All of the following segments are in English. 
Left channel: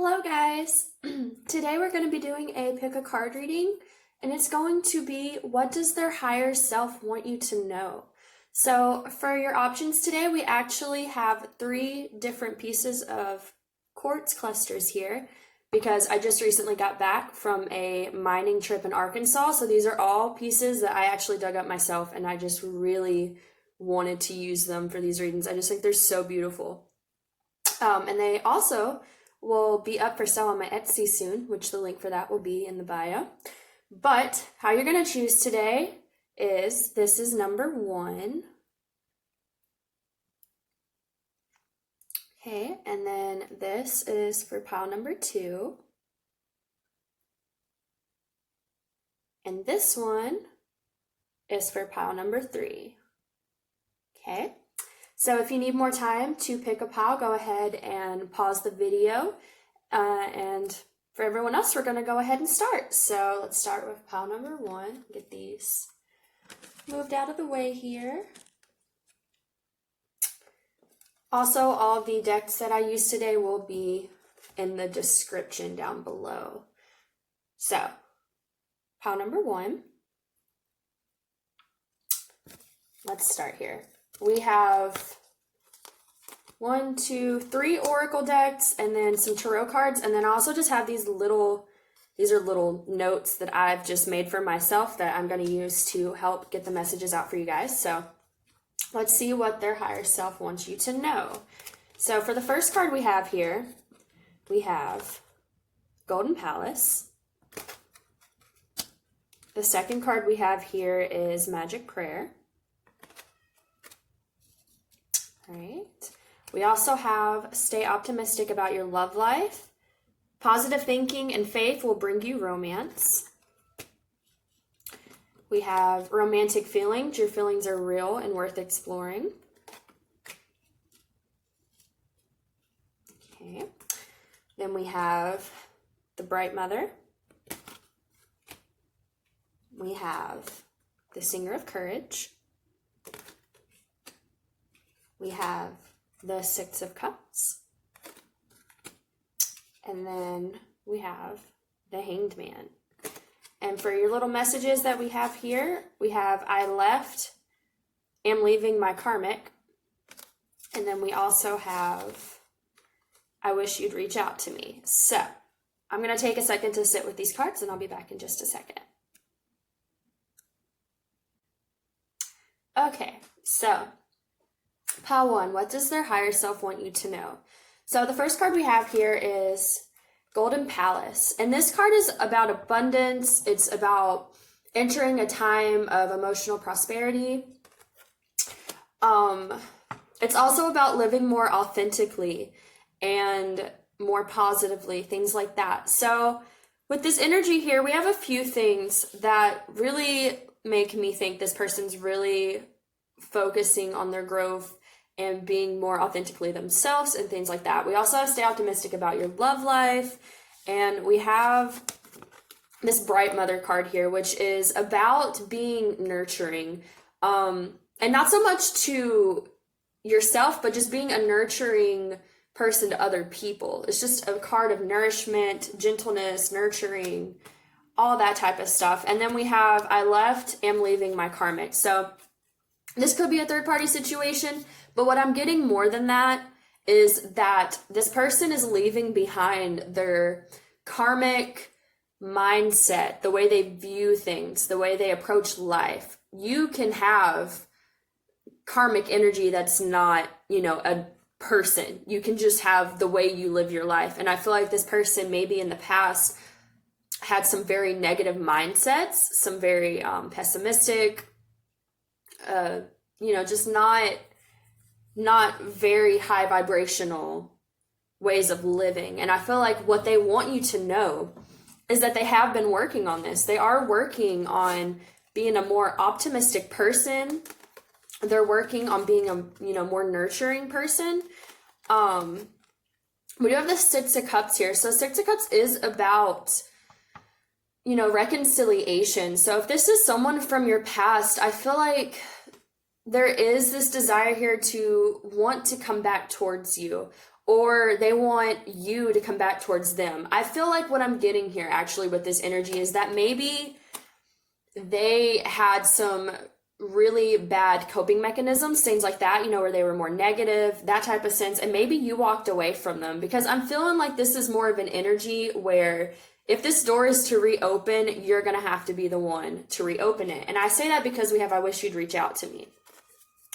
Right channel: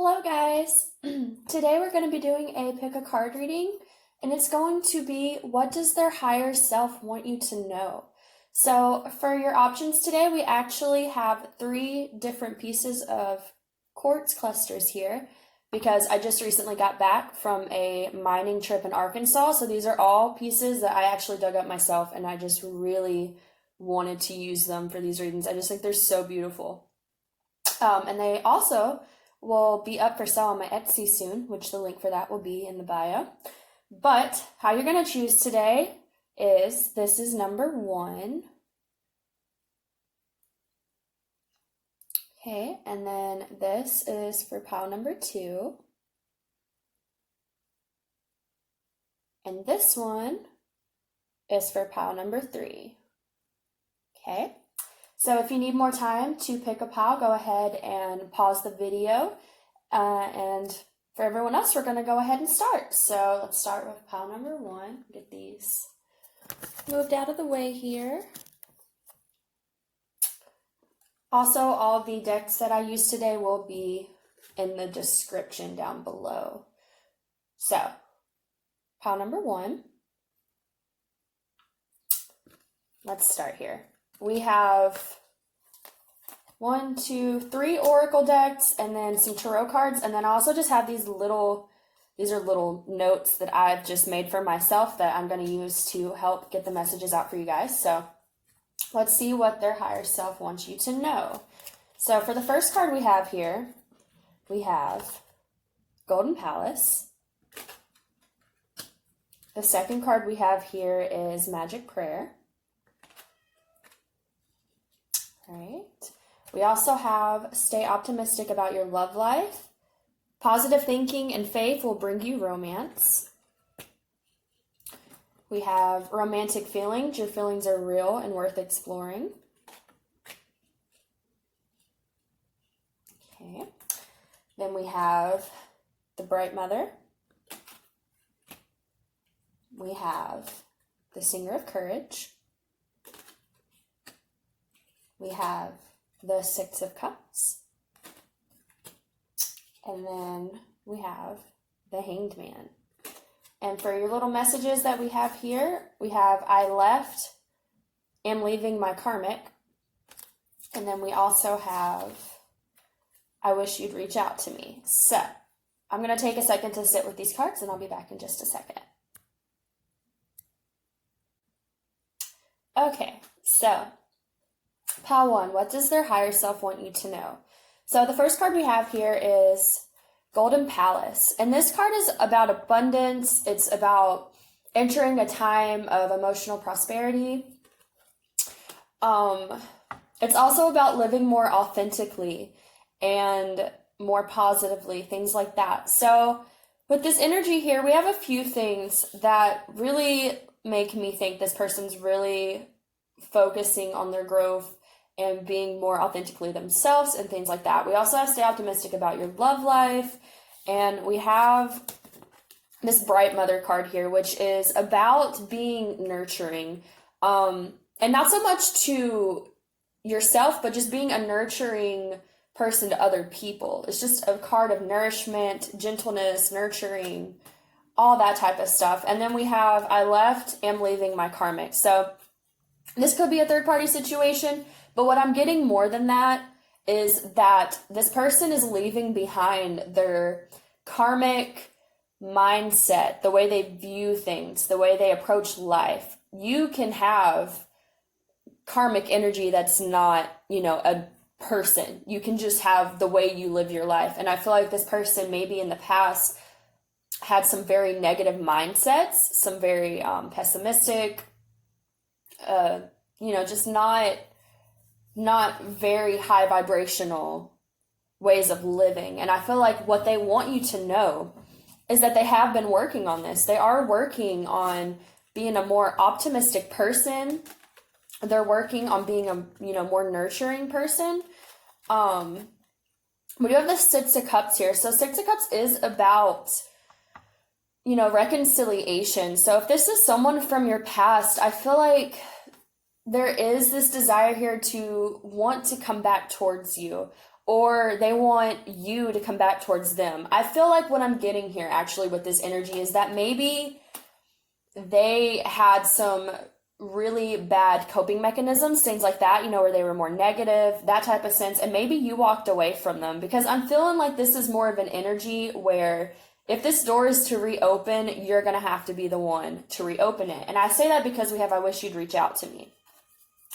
Hello guys! Today we're going to be doing a pick a card reading, and it's going to be what does their higher self want you to know? So for your options today, we actually have 3 different pieces of quartz clusters here because I just recently got back from a mining trip in Arkansas. So these are all pieces that I actually dug up myself, and I just really wanted to use them for these readings. I just think they're so beautiful. And they also will be up for sale on my Etsy soon, which the link for that will be in the bio. But how you're going to choose today is, this is number 1. Okay, and then this is for pile number 2. And this one is for pile number 3. Okay. So if you need more time to pick a pile, go ahead and pause the video. And for everyone else, we're going to go ahead and start. So let's start with pile number 1. Get these moved out of the way here. Also, all of the decks that I use today will be in the description down below. So, pile number 1. Let's start here. We have 1, 2, 3 oracle decks, and then some tarot cards, and then I also just have these are little notes that I've just made for myself that I'm going to use to help get the messages out for you guys. So let's see what their higher self wants you to know. So for the first card we have here, we have Golden Palace. The second card we have here is Magic Prayer. All right. We also have Stay Optimistic about your love life. Positive thinking and faith will bring you romance. We have Romantic Feelings. Your feelings are real and worth exploring. Okay. Then we have the Bright Mother. We have the Singer of Courage. We have the 6 of Cups. And then we have the Hanged Man. And for your little messages that we have here, we have am leaving my karmic. And then we also have I wish you'd reach out to me. So I'm going to take a second to sit with these cards, and I'll be back in just a second. Okay, so pile 1, what does their higher self want you to know? So the first card we have here is Golden Palace. And this card is about abundance. It's about entering a time of emotional prosperity. It's also about living more authentically and more positively, things like that. So with this energy here, we have a few things that really make me think this person's really focusing on their growth and being more authentically themselves and things like that. We also have Stay Optimistic about your love life. And we have this Bright Mother card here, which is about being nurturing. And not so much to yourself, but just being a nurturing person to other people. It's just a card of nourishment, gentleness, nurturing, all that type of stuff. And then we have am leaving my karmic. So this could be a third-party situation, but what I'm getting more than that is that this person is leaving behind their karmic mindset, the way they view things, the way they approach life. You can have karmic energy that's not, a person. You can just have the way you live your life. And I feel like this person maybe in the past had some very negative mindsets, some very pessimistic, just not very high vibrational ways of living. And I feel like what they want you to know is that they have been working on this. They are working on being a more optimistic person. They're working on being a more nurturing person. We do have the 6 of Cups here. So 6 of Cups is about reconciliation. So if this is someone from your past, I feel like there is this desire here to want to come back towards you, or they want you to come back towards them. I feel like what I'm getting here actually with this energy is that maybe they had some really bad coping mechanisms, things like that, you know, where they were more negative, that type of sense, and maybe you walked away from them, because I'm feeling like this is more of an energy where if this door is to reopen, you're going to have to be the one to reopen it. And I say that because we have I wish you'd reach out to me.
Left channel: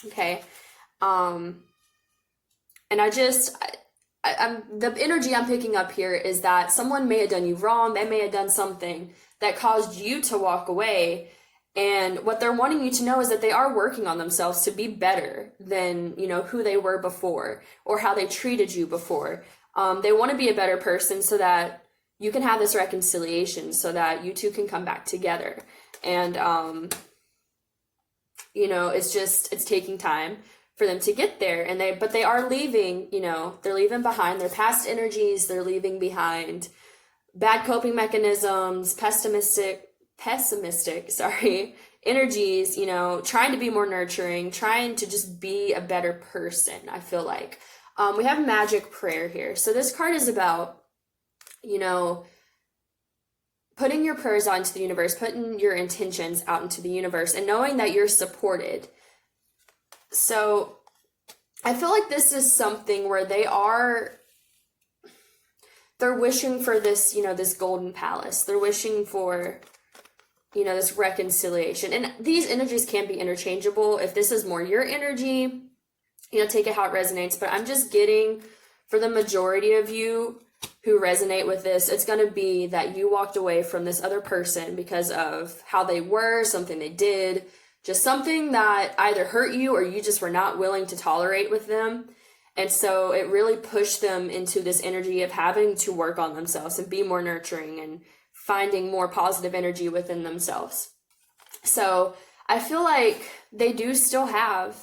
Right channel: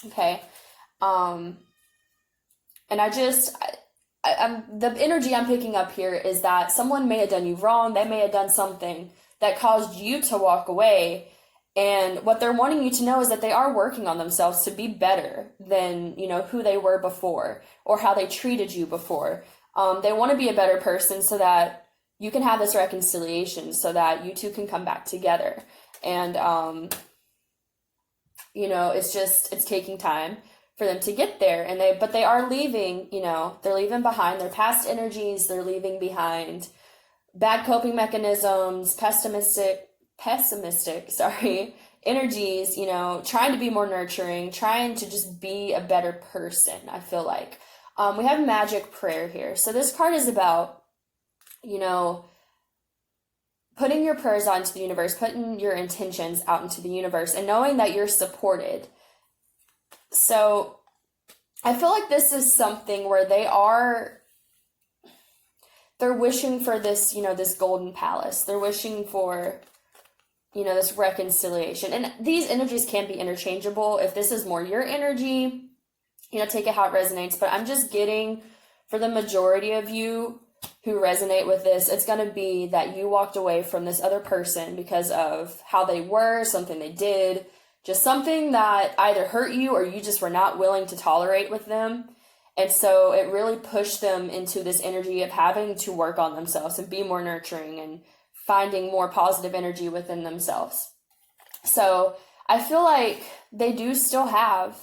Okay. And I'm the energy I'm picking up here is that someone may have done you wrong. They may have done something that caused you to walk away. And what they're wanting you to know is that they are working on themselves to be better than, you know, who they were before or how they treated you before. They want to be a better person so that you can have this reconciliation, so that you two can come back together. And, you know, it's taking time for them to get there. But they are leaving, you know, they're leaving behind their past energies. They're leaving behind bad coping mechanisms, pessimistic, energies, you know, trying to be more nurturing, trying to just be a better person, I feel like. We have magic prayer here. So this card is about, you know, putting your prayers out into the universe, putting your intentions out into the universe, and knowing that you're supported. So I feel like this is something where they're wishing for this, you know, this golden palace. They're wishing for, you know, this reconciliation. And these energies can be interchangeable. If this is more your energy, you know, take it how it resonates. But I'm just getting, for the majority of you who resonate with this, it's going to be that you walked away from this other person because of how they were, something they did, just something that either hurt you or you just were not willing to tolerate with them. And so it really pushed them into this energy of having to work on themselves and be more nurturing and finding more positive energy within themselves. So I feel like they do still have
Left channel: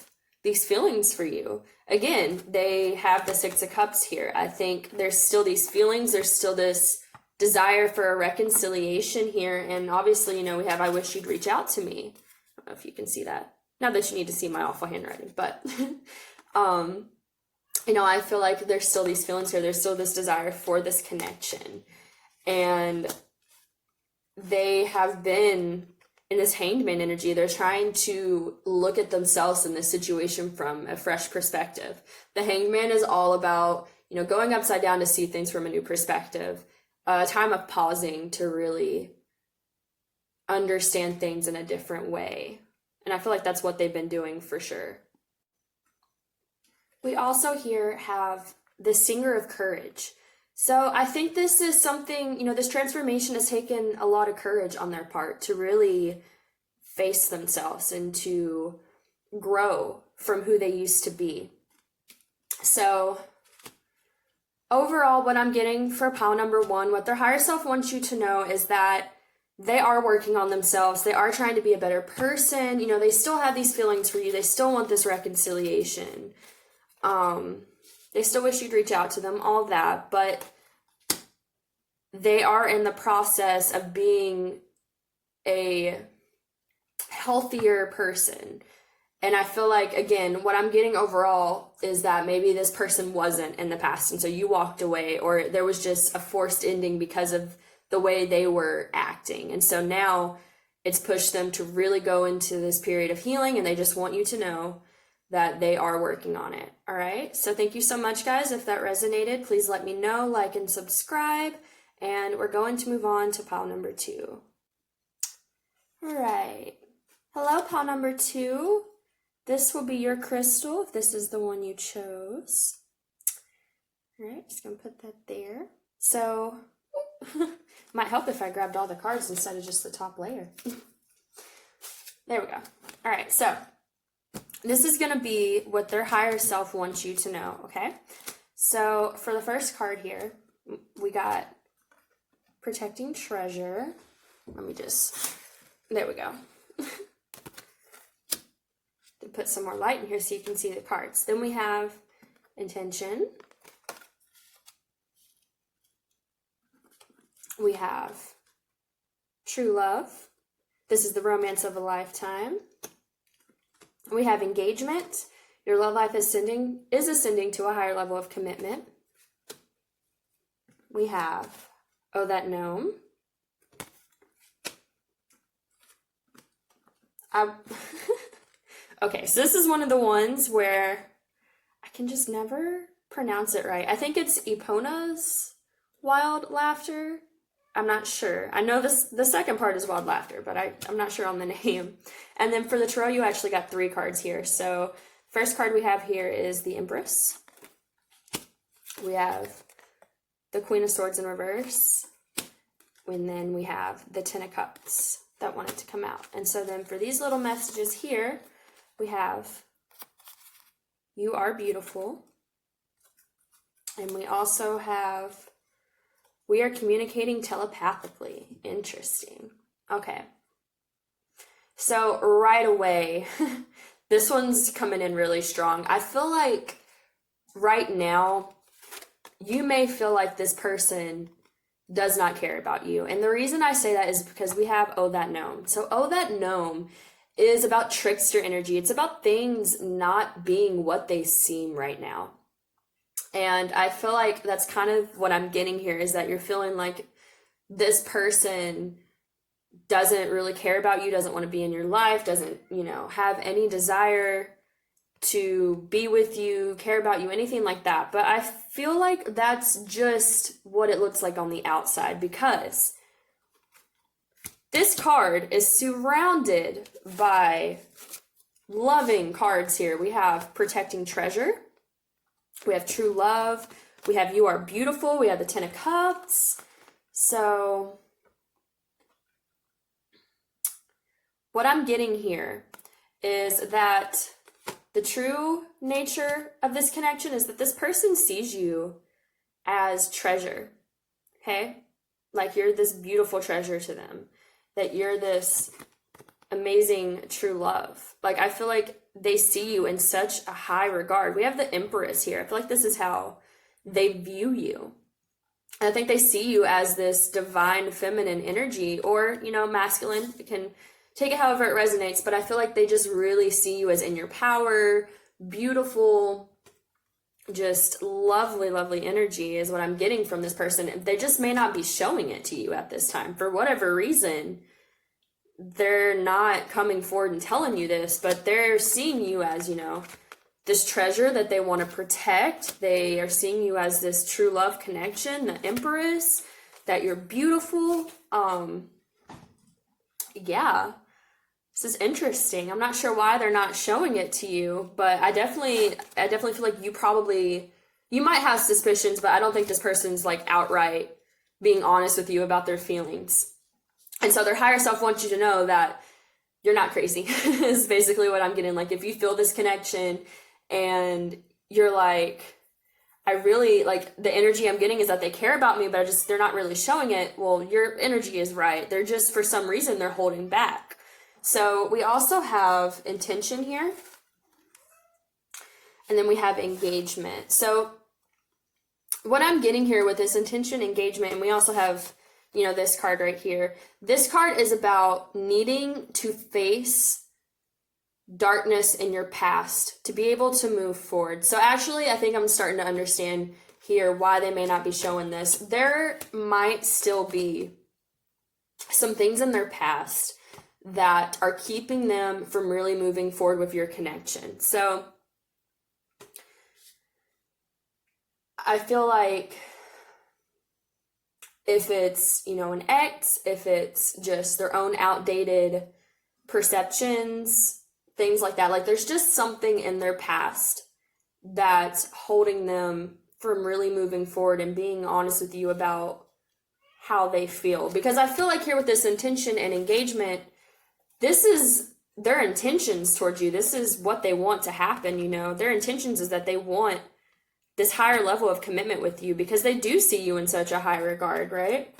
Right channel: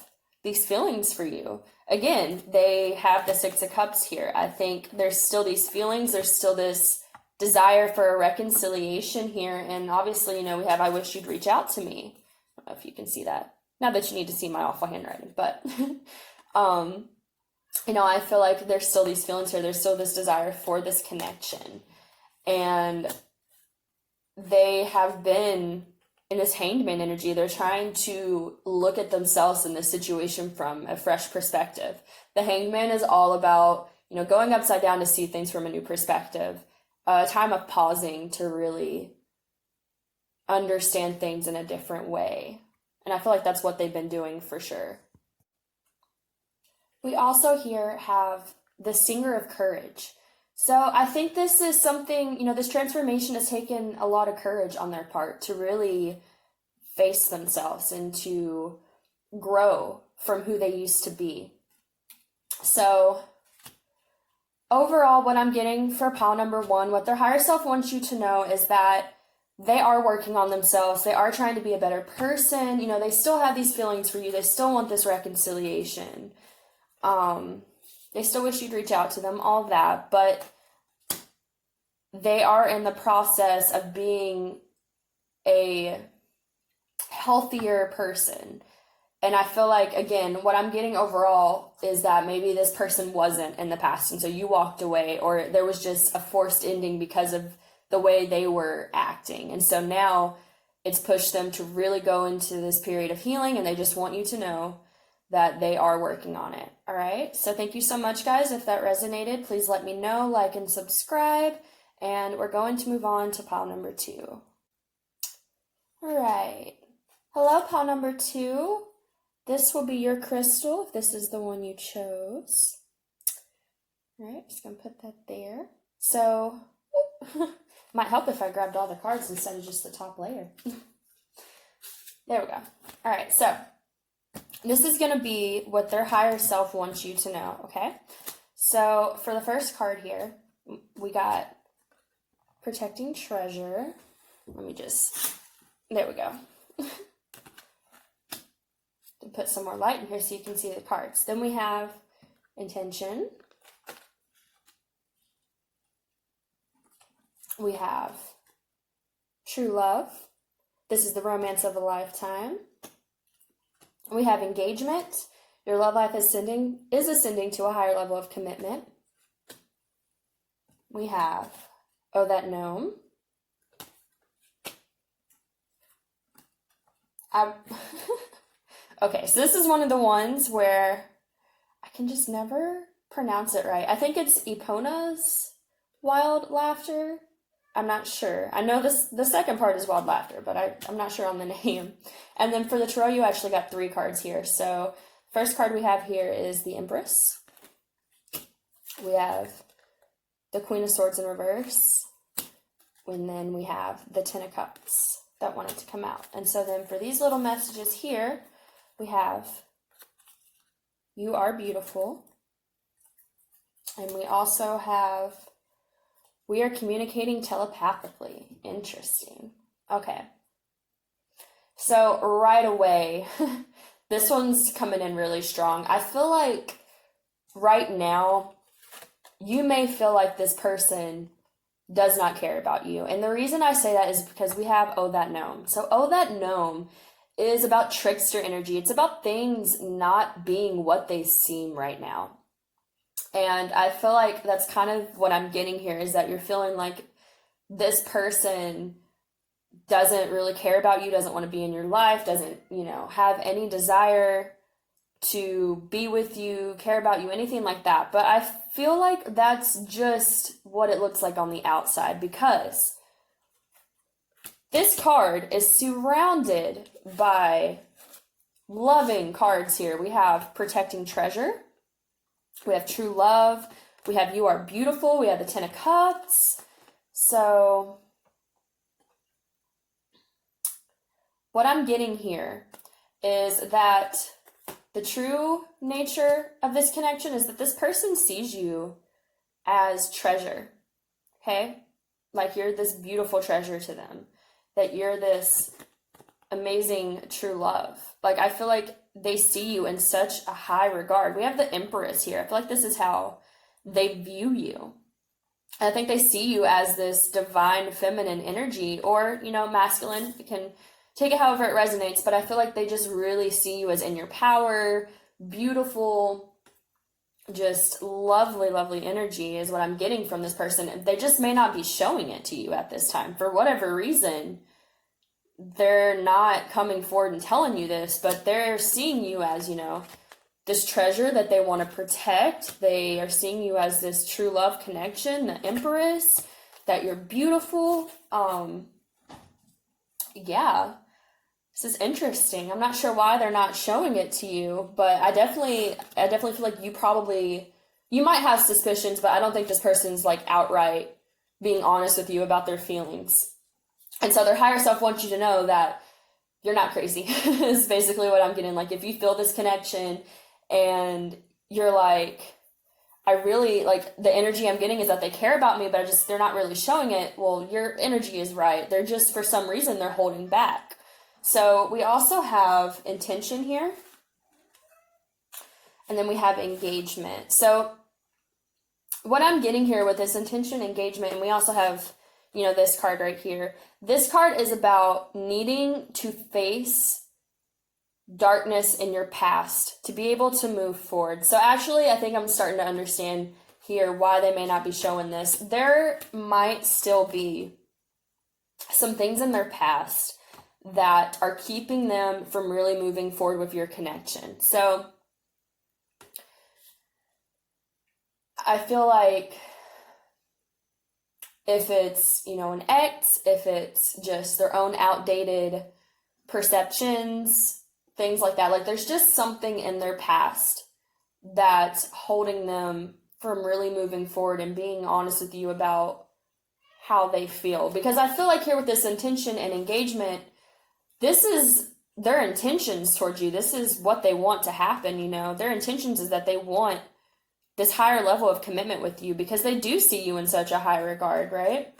these feelings for you. Again, they have the Six of Cups here. I think there's still these feelings. There's still this desire for a reconciliation here. And obviously, you know, we have I wish you'd reach out to me. I don't know if you can see that. Not that you need to see my awful handwriting, but you know, I feel like there's still these feelings here. There's still this desire for this connection. And they have been in this Hanged Man energy. They're trying to look at themselves in this situation from a fresh perspective. The Hanged Man is all about, you know, going upside down to see things from a new perspective, a time of pausing to really understand things in a different way. And I feel like that's what they've been doing for sure. We also here have the Singer of Courage. So I think this is something, you know, this transformation has taken a lot of courage on their part to really face themselves and to grow from who they used to be. So overall, what I'm getting for pile number one, what their higher self wants you to know is that they are working on themselves. They are trying to be a better person. You know, they still have these feelings for you. They still want this reconciliation. They still wish you'd reach out to them, all that, but they are in the process of being a healthier person. And I feel like, again, what I'm getting overall is that maybe this person wasn't in the past, and so you walked away, or there was just a forced ending because of the way they were acting. And so now it's pushed them to really go into this period of healing, and they just want you to know that they are working on it. All right. So thank you so much, guys. If that resonated, please let me know, like and subscribe. And we're going to move on to pile number two. All right. Hello, pile number two. This will be your crystal if this is the one you chose. All right. Just going to put that there. So might help if I grabbed all the cards instead of just the top layer. There we go. All right. So this is going to be what their higher self wants you to know, okay? So for the first card here, we got Protecting Treasure. Let me just, there we go. To put some more light in here so you can see the cards. Then we have Intention. We have True Love. This is the romance of a lifetime. We have Engagement. Your love life is ascending to a higher level of commitment. we have, oh, that gnome. Okay, so this is one of the ones where I can just never pronounce it right. I think it's Epona's wild laughter. I'm not sure. I know the second part is wild laughter, but I'm not sure on the name. And then for the tarot, you actually got 3 cards here. So first card we have here is the Empress. We have the Queen of Swords in reverse. And then we have the Ten of Cups that wanted to come out. And so then for these little messages here, we have, you are beautiful. And we also have, we are communicating telepathically. Interesting. Okay. So right away, this one's coming in really strong. I feel like right now, you may feel like this person does not care about you. And the reason I say that is because we have Oh That Gnome. So Oh That Gnome is about trickster energy. It's about things not being what they seem right now. And I feel like that's kind of what I'm getting here, is that you're feeling like this person doesn't really care about you, doesn't want to be in your life, doesn't, have any desire to be with you, care about you, anything like that. But I feel like that's just what it looks like on the outside, because this card is surrounded by loving cards here. We have Protecting Treasure. We have True Love. We have You Are Beautiful. We have the Ten of Cups. So what I'm getting here is that the true nature of this connection is that this person sees you as treasure, okay? Like you're this beautiful treasure to them, that you're this amazing true love. Like I feel like they see you in such a high regard. We have the Empress here. I feel like this is how they view you. And I think they see you as this divine feminine energy, or, masculine. You can take it however it resonates, but I feel like they just really see you as in your power, beautiful, just lovely, lovely energy is what I'm getting from this person. They just may not be showing it to you at this time. For whatever reason, they're not coming forward and telling you this, but they're seeing you as, this treasure that they want to protect. They are seeing you as this true love connection, the Empress, that you're beautiful. Yeah. This is interesting. I'm not sure why they're not showing it to you, but I definitely feel like you might have suspicions, but I don't think this person's like outright being honest with you about their feelings. And so their higher self wants you to know that you're not crazy is basically what I'm getting. Like if you feel this connection and you're like, I really like the energy I'm getting is that they care about me, but they're not really showing it. Well, your energy is right. They're just, for some reason, they're holding back. So we also have intention here. And then we have engagement. So what I'm getting here with this intention, engagement, and we also have, this card right here. This card is about needing to face darkness in your past to be able to move forward. So actually, I think I'm starting to understand here why they may not be showing this. There might still be some things in their past that are keeping them from really moving forward with your connection. So I feel like if it's, an ex, if it's just their own outdated perceptions, things like that, like there's just something in their past that's holding them from really moving forward and being honest with you about how they feel. Because I feel like here with this intention and engagement, this is their intentions towards you. This is what they want to happen, Their intentions is that they want this higher level of commitment with you because they do see you in such a high regard, right?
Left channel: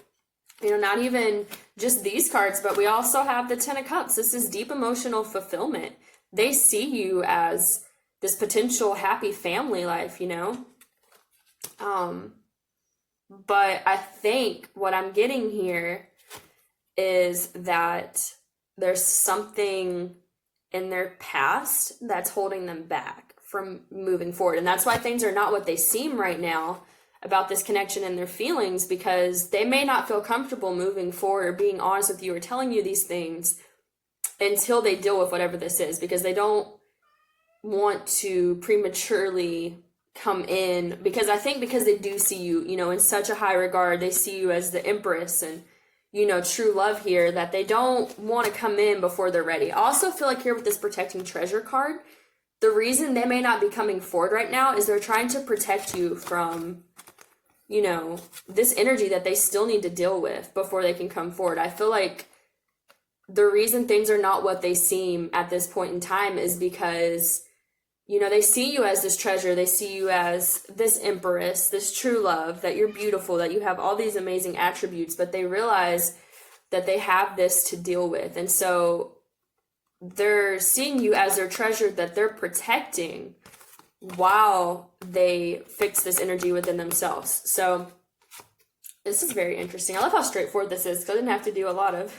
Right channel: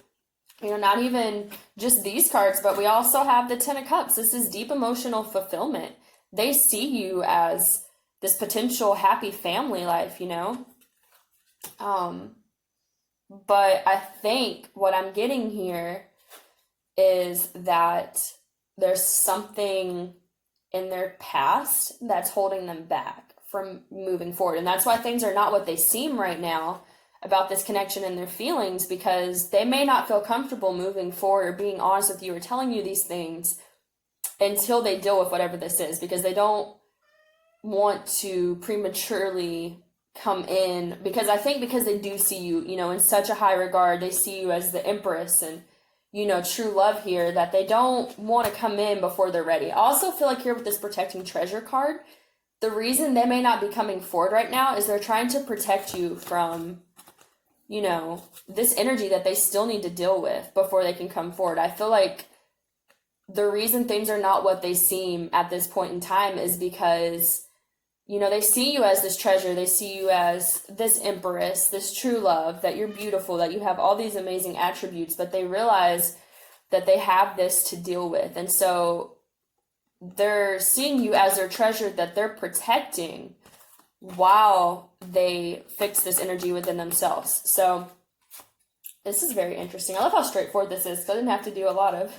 Not even just these cards, but we also have the Ten of Cups. This is deep emotional fulfillment. They see you as this potential happy family life, But I think what I'm getting here is that there's something in their past that's holding them back from moving forward. And that's why things are not what they seem right now. about this connection and their feelings, because they may not feel comfortable moving forward or being honest with you or telling you these things until they deal with whatever this is, because they don't want to prematurely come in, because I think because they do see you, you know, in such a high regard, they see you as the empress and, you know, true love here, that they don't want to come in before they're ready. I also feel like here with this protecting treasure card, the reason they may not be coming forward right now is they're trying to protect you from, you know, this energy that they still need to deal with before they can come forward. I feel like the reason things are not what they seem at this point in time is because, you know, they see you as this treasure. They see you as this empress, this true love, that you're beautiful, that you have all these amazing attributes, but they realize that they have this to deal with. And so they're seeing you as their treasure that they're protecting while they fix this energy within themselves. So this is very interesting. I love how straightforward this is, because I didn't have to do a lot of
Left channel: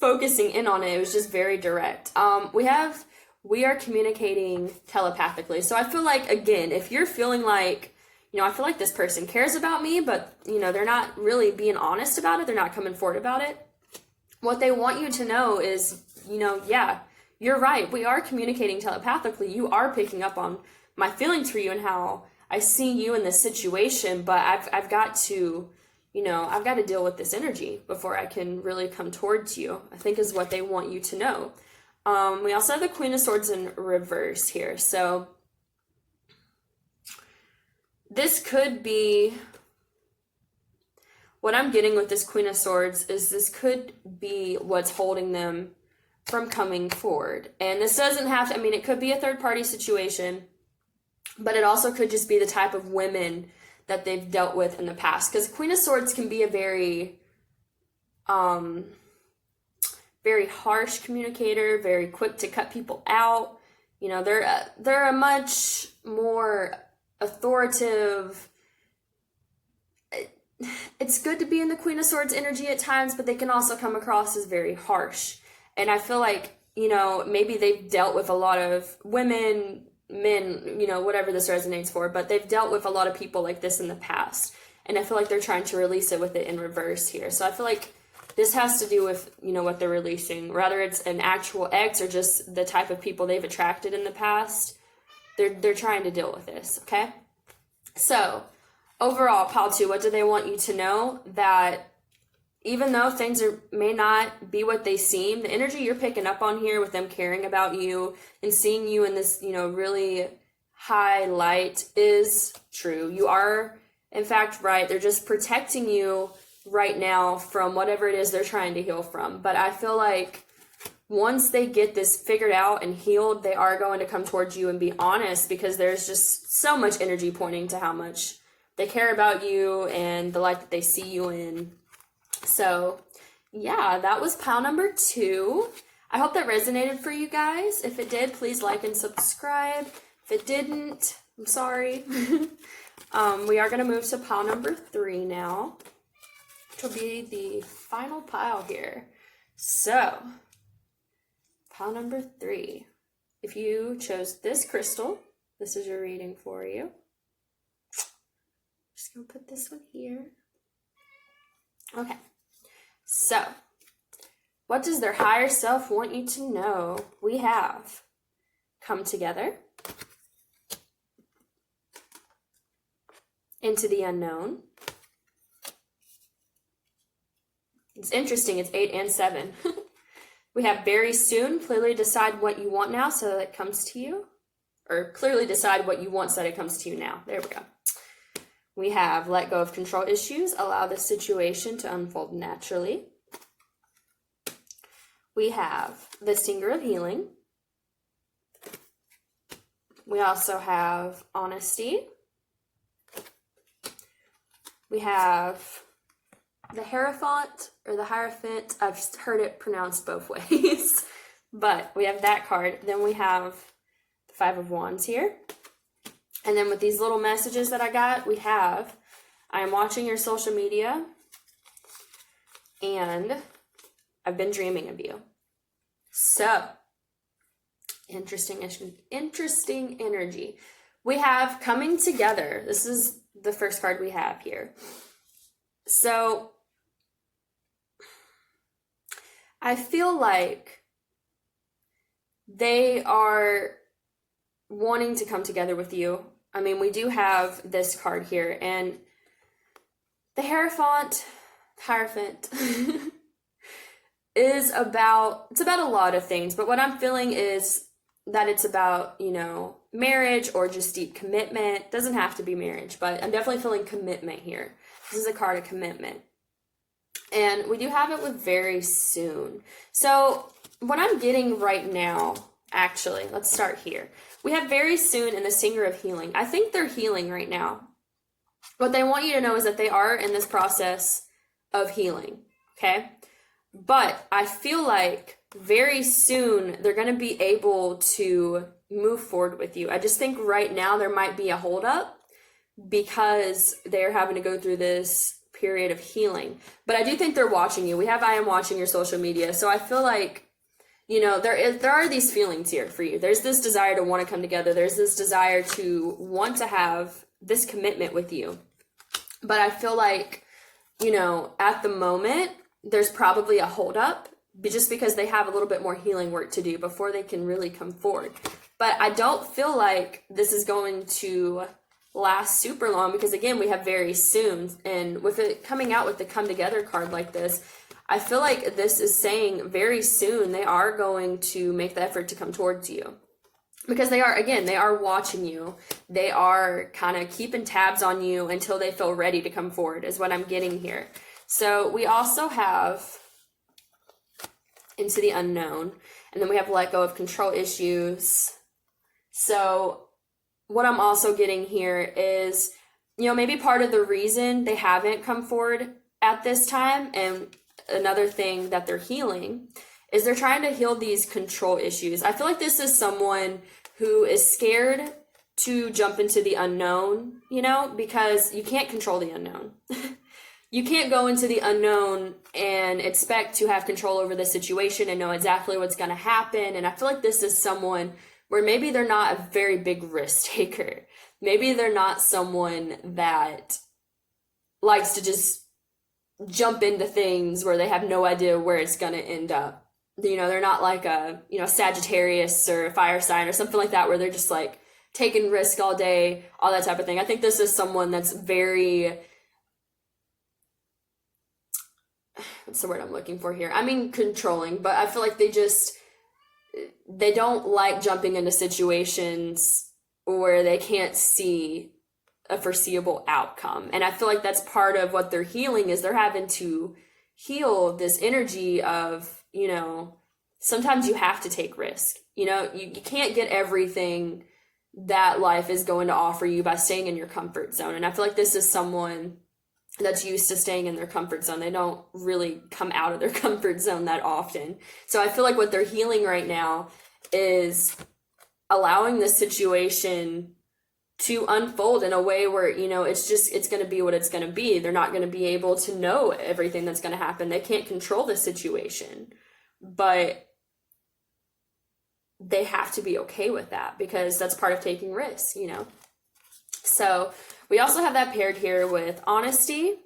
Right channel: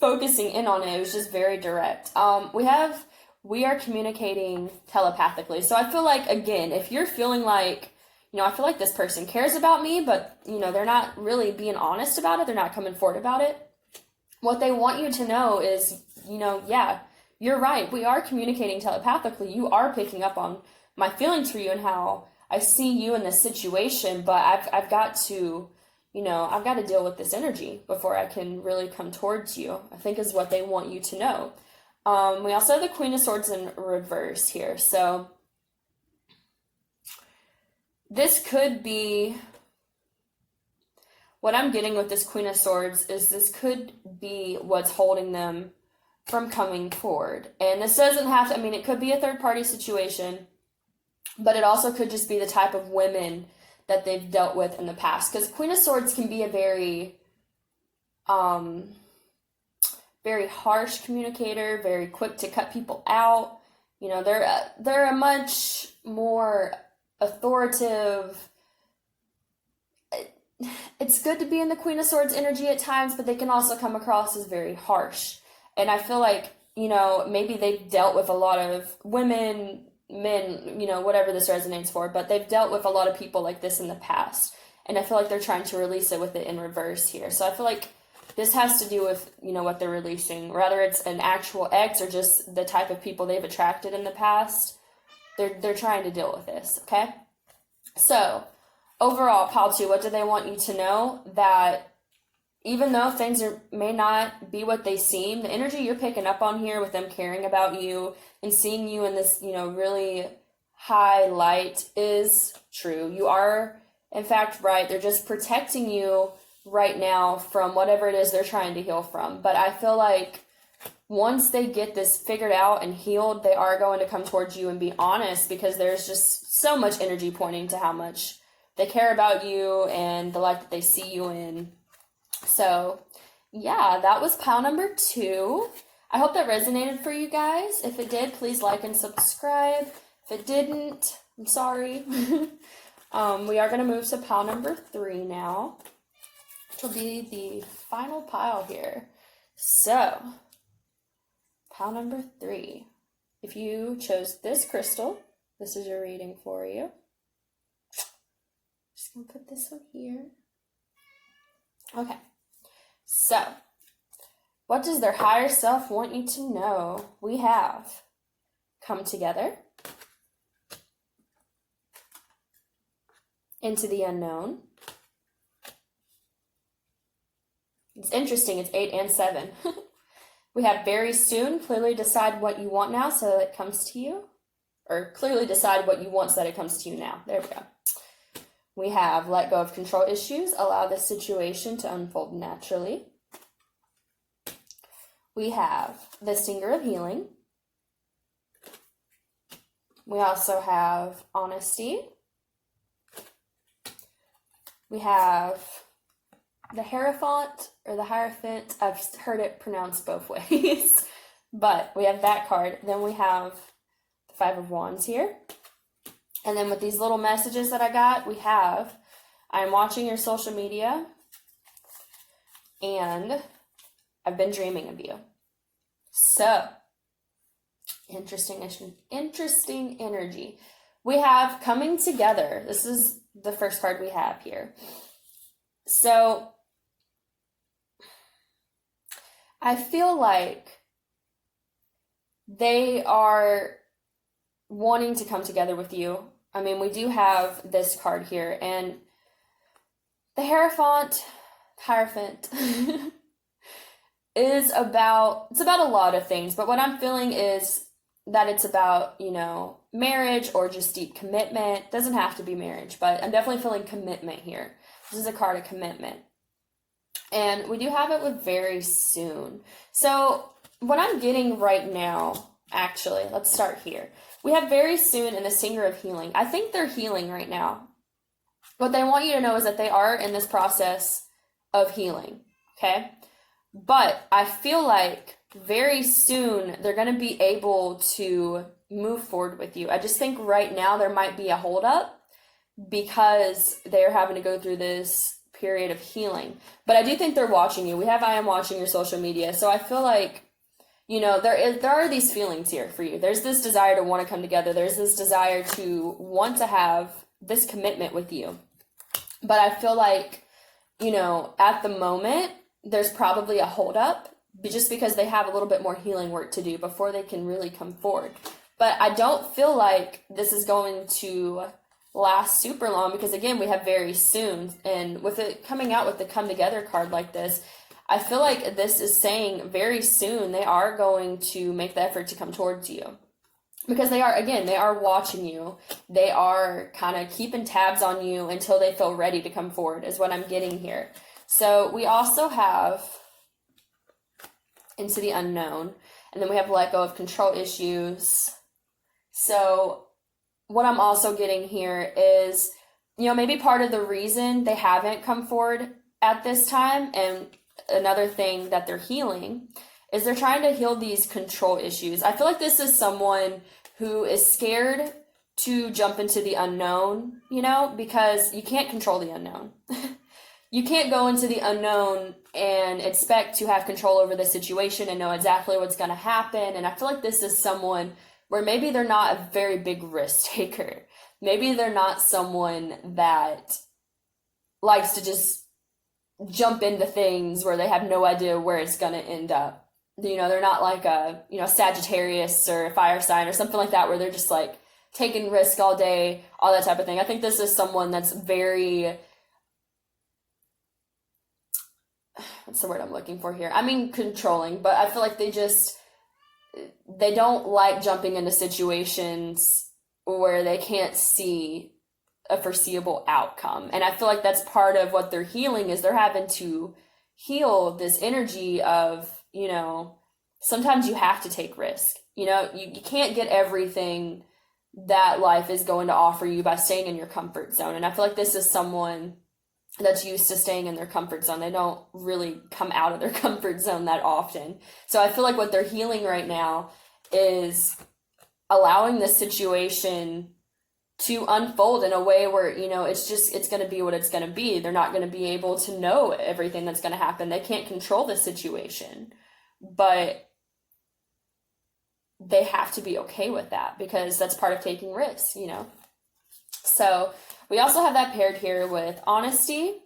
focusing in on it. It was just very direct. We are communicating telepathically. So I feel like, again, if you're feeling like, you know, I feel like this person cares about me, but, you know, they're not really being honest about it. They're not coming forward about it. What they want you to know is, you know, yeah, you're right. We are communicating telepathically. You are picking up on my feelings for you and how I see you in this situation, but I've got to, you know, I've got to deal with this energy before I can really come towards you, I think is what they want you to know. We also have the Queen of Swords in reverse here. So this could be, what I'm getting with this Queen of Swords is this could be what's holding them from coming forward. And this doesn't have to, I mean, it could be a third party situation, but it also could just be the type of women that they've dealt with in the past. Because Queen of Swords can be a very harsh communicator, very quick to cut people out. You know, they're a much more authoritative. It's good to be in the Queen of Swords energy at times, but they can also come across as very harsh. And I feel like, you know, maybe they've dealt with a lot of women, men, you know, whatever this resonates for, but they've dealt with a lot of people like this in the past. And I feel like they're trying to release it with it in reverse here. So I feel like this has to do with, you know, what they're releasing. Whether it's an actual ex or just the type of people they've attracted in the past, they're trying to deal with this, okay? So, overall, pile 2, what do they want you to know? That even though things may not be what they seem, the energy you're picking up on here with them caring about you and seeing you in this, you know, really high light is true. You are, in fact, right. They're just protecting you right now from whatever it is they're trying to heal from. But I feel like once they get this figured out and healed, they are going to come towards you and be honest, because there's just so much energy pointing to how much they care about you and the light that they see you in. So yeah, that was pile number 2. I hope that resonated for you guys. If it did, please like and subscribe. If it didn't, I'm sorry. We are going to move to pile number 3 now, which will be the final pile here. So, pile number 3. If you chose this crystal, this is your reading for you. Just going to put this one here. Okay. So, what does their higher self want you to know? We have come together, into the unknown. It's interesting, it's 8 and 7. We have very soon, clearly decide what you want now so that it comes to you. Or clearly decide what you want so that it comes to you now. There we go. We have let go of control issues, allow the situation to unfold naturally. We have the Singer of Healing. We also have honesty. We have the Hierophant or the Hierophant. I've heard it pronounced both ways. But we have that card. Then we have the Five of Wands here. And then with these little messages that I got, we have, I'm watching your social media and I've been dreaming of you. So, interesting energy. We have coming together. This is the first card we have here. So I feel like they are wanting to come together with you. I mean, we do have this card here, and the Hierophant is about a lot of things, but what I'm feeling is that it's about, you know, marriage or just deep commitment. Doesn't have to be marriage, but I'm definitely feeling commitment here. This is a card of commitment. And we do have it with very soon. So what I'm getting right now, actually, let's start here. We have very soon and the Singer of Healing. I think they're healing right now. What they want you to know is that they are in this process of healing, okay? But I feel like very soon they're going to be able to move forward with you. I just think right now there might be a holdup because they're having to go through this period of healing. But I do think they're watching you. I am watching your social media. So I feel like, you know, there are these feelings here for you. There's this desire to want to come together. There's this desire to want to have this commitment with you. But I feel like, you know, at the moment, there's probably a holdup just because they have a little bit more healing work to do before they can really come forward. But I don't feel like this is going to last super long because, again, we have very soon. And with it coming out with the come together card like this, I feel like this is saying very soon they are going to make the effort to come towards you. Because they are watching you. They are kind of keeping tabs on you until they feel ready to come forward is what I'm getting here. So we also have Into the Unknown. And then we have Let Go of Control Issues. So what I'm also getting here is, you know, maybe part of the reason they haven't come forward at this time, and another thing that they're healing, is they're trying to heal these control issues. I feel like this is someone who is scared to jump into the unknown, you know, because you can't control the unknown. You can't go into the unknown and expect to have control over the situation and know exactly what's going to happen. And I feel like this is someone where maybe they're not a very big risk taker. Maybe they're not someone that likes to just jump into things where they have no idea where it's going to end up. You know, they're not like a, you know, Sagittarius or a fire sign or something like that where they're just like taking risk all day, all that type of thing. I think this is someone that's very, what's the word I'm looking for here? I mean, controlling, but I feel like they don't like jumping into situations where they can't see a foreseeable outcome. And I feel like that's part of what they're healing is they're having to heal this energy of, you know, sometimes you have to take risk. You know, you can't get everything that life is going to offer you by staying in your comfort zone. And I feel like this is someone that's used to staying in their comfort zone. They don't really come out of their comfort zone that often. So I feel like what they're healing right now is allowing this situation to unfold in a way where, you know, it's going to be what it's going to be. They're not going to be able to know everything that's going to happen. They can't control the situation, but they have to be okay with that because that's part of taking risks, you know? So we also have that paired here with Honesty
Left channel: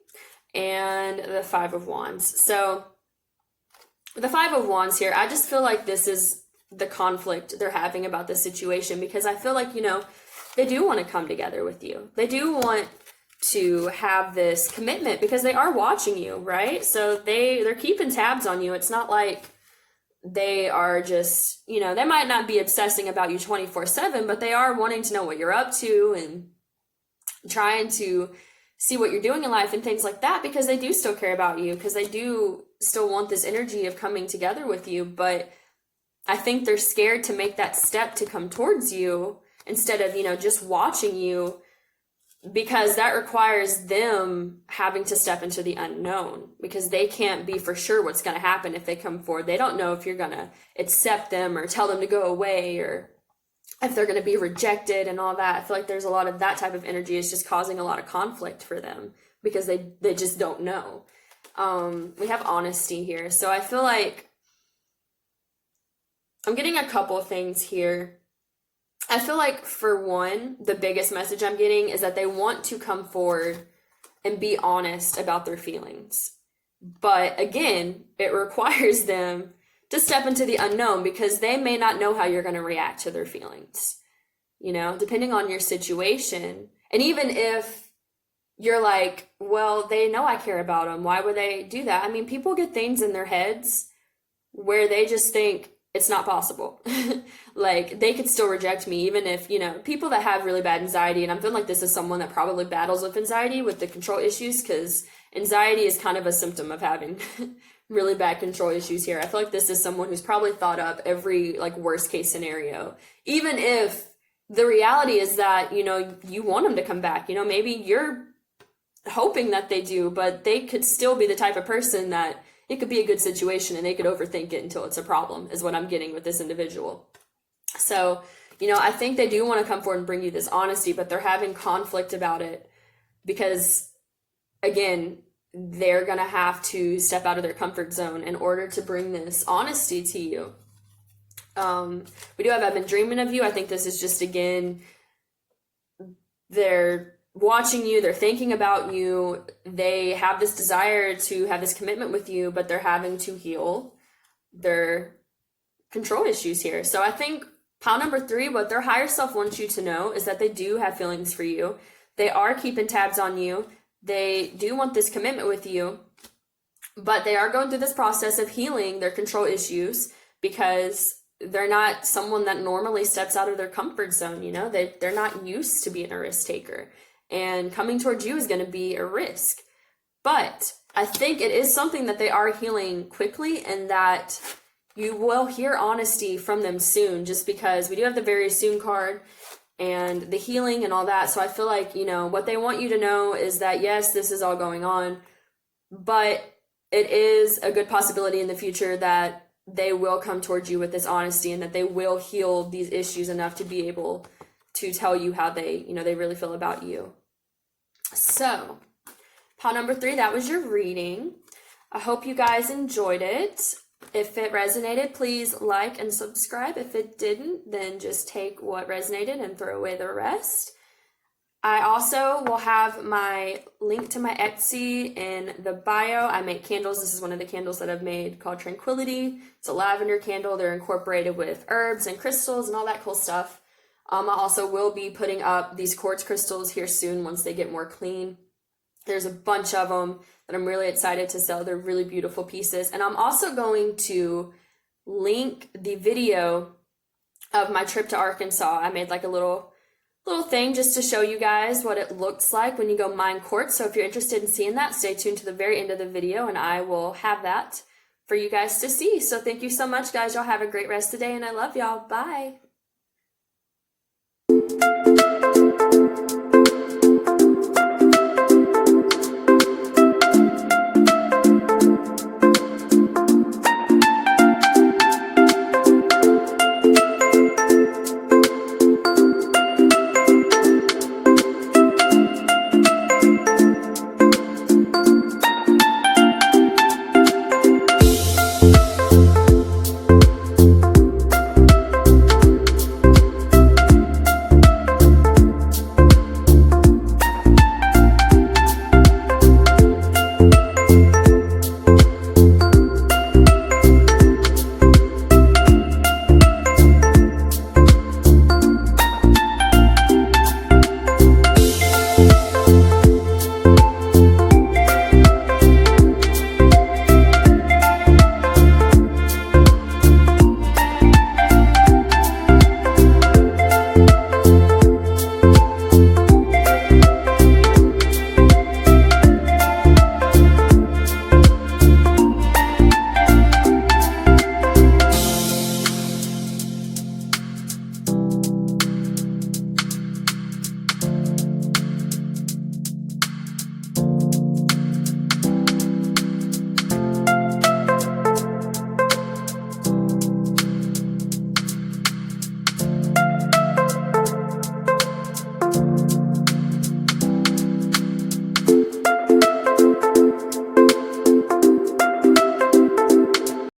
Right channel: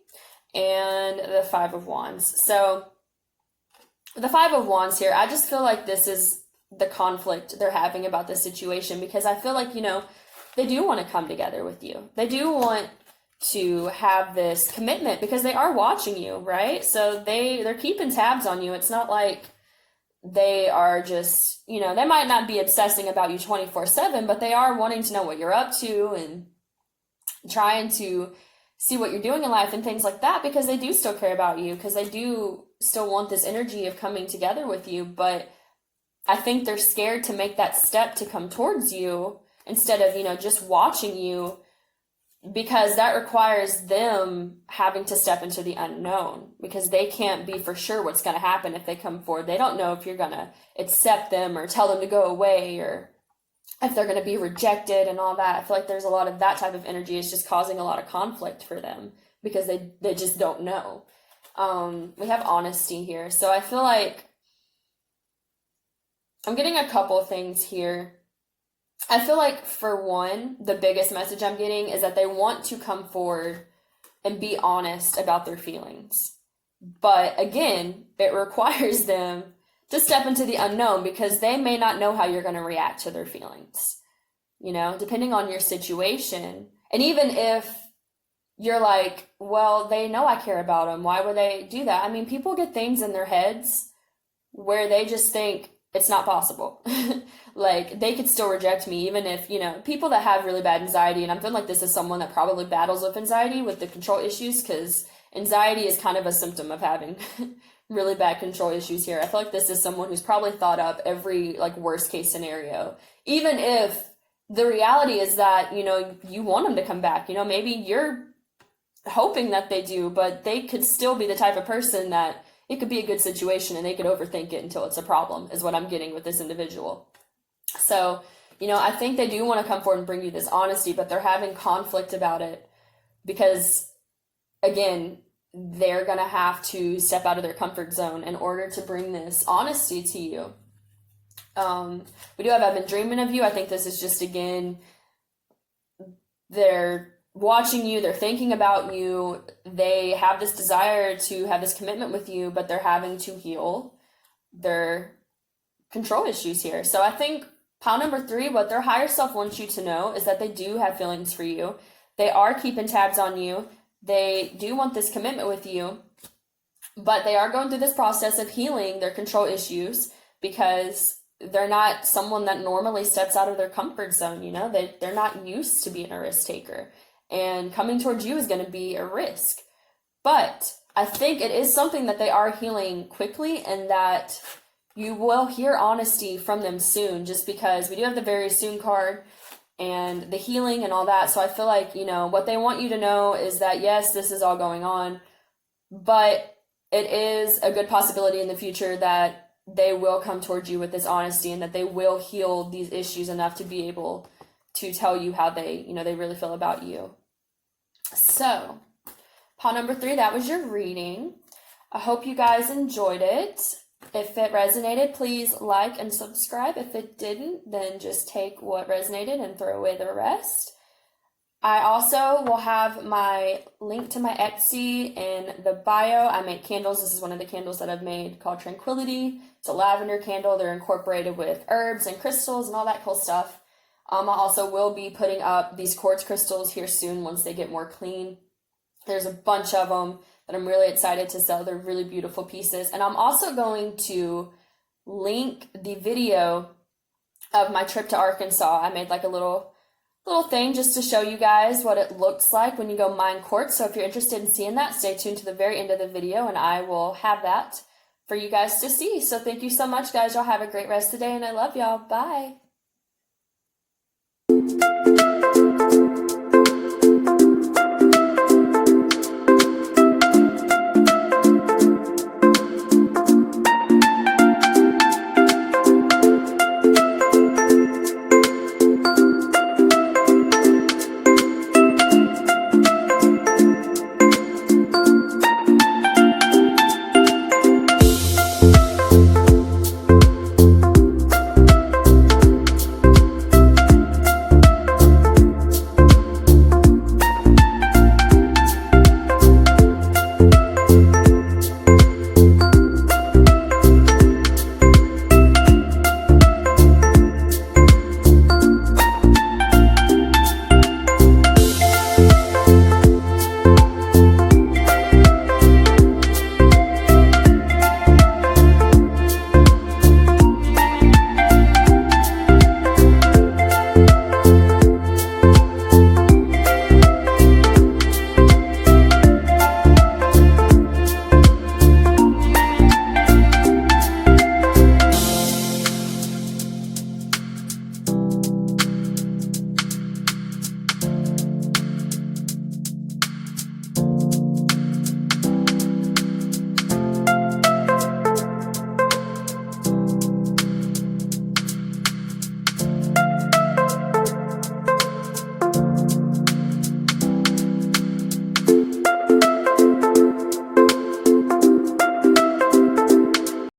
and the Five of Wands. So the Five of Wands here, I just feel like this is the conflict they're having about this situation because I feel like, you know, they do want to come together with you. They do want to have this commitment because they are watching you, right? So they're keeping tabs on you. It's not like they are just, you know, they might not be obsessing about you 24/7, but they are wanting to know what you're up to and trying to see what you're doing in life and things like that because they do still care about you because they do still want this energy of coming together with you. But I think they're scared to make that step to come towards you instead of, you know, just watching you because that requires them having to step into the unknown because they can't be for sure what's going to happen if they come forward. They don't know if you're going to accept them or tell them to go away or if they're going to be rejected and all that. I feel like there's a lot of that type of energy is just causing a lot of conflict for them because they just don't know. We have Honesty here. So I feel like I'm getting a couple of things here. I feel like, for one, the biggest message I'm getting is that they want to come forward and be honest about their feelings. But again, it requires them to step into the unknown, because they may not know how you're going to react to their feelings, depending on your situation. And even if you're like, well, they know I care about them, why would they do that? I mean, people get things in their heads where they just think it's not possible. Like, they could still reject me, even if, people that have really bad anxiety, and I'm feeling like this is someone that probably battles with anxiety, with the control issues, because anxiety is kind of a symptom of having really bad control issues here. I feel like this is someone who's probably thought up every, like, worst case scenario, even if the reality is that, you want them to come back. Maybe you're hoping that they do, but they could still be the type of person that it could be a good situation and they could overthink it until it's a problem, is what I'm getting with this individual. So, I think they do want to come forward and bring you this honesty, but they're having conflict about it because, again, they're going to have to step out of their comfort zone in order to bring this honesty to you. We do have I've been dreaming of you. I think this is just, again, they're watching you, they're thinking about you, they have this desire to have this commitment with you, but they're having to heal their control issues here. So I think pile number 3, what their higher self wants you to know is that they do have feelings for you. They are keeping tabs on you. They do want this commitment with you, but they are going through this process of healing their control issues because they're not someone that normally steps out of their comfort zone. They're not used to being a risk taker, and coming towards you is going to be a risk. But I think it is something that they are healing quickly, and that you will hear honesty from them soon, just because we do have the very soon card and the healing and all that. So I feel like, what they want you to know is that, yes, this is all going on, but it is a good possibility in the future that they will come towards you with this honesty, and that they will heal these issues enough to be able to tell you how they, they really feel about you. So, pile number 3, that was your reading. I hope you guys enjoyed it. If it resonated, please like and subscribe. If it didn't, then just take what resonated and throw away the rest. I also will have my link to my Etsy in the bio. I make candles. This is one of the candles that I've made called Tranquility. It's a lavender candle. They're incorporated with herbs and crystals and all that cool stuff. I also will be putting up these quartz crystals here soon once they get more clean. There's a bunch of them that I'm really excited to sell. They're really beautiful pieces. And I'm also going to link the video of my trip to Arkansas. I made like a little thing just to show you guys what it looks like when you go mine quartz. So if you're interested in seeing that, stay tuned to the very end of the video and I will have that for you guys to see. So thank you so much, guys. Y'all have a great rest of the day and I love y'all. Bye.